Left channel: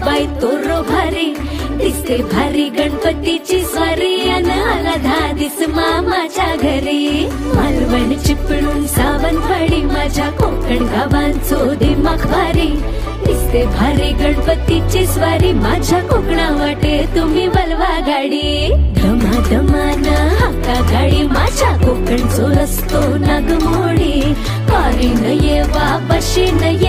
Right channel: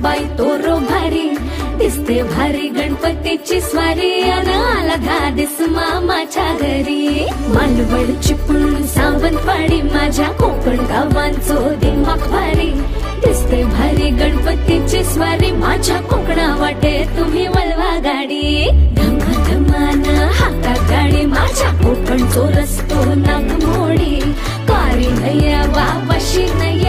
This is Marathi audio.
बाई तोरो भारी दिसते भारी गणपतीची स्वारी अन आला धादिस मामाच्या घरी मालवण चिपळूण सावंतवाडी माझ्या कोकण गावांचो दिमाग भारी दिसते भारी गणपतीची स्वारी माझ्या कोकणा वाटे तुम्ही वलवा गाडी धमाधमान हाका गाडी माझ्या कोकणचो रस्तो नागमोडी वारी नये वा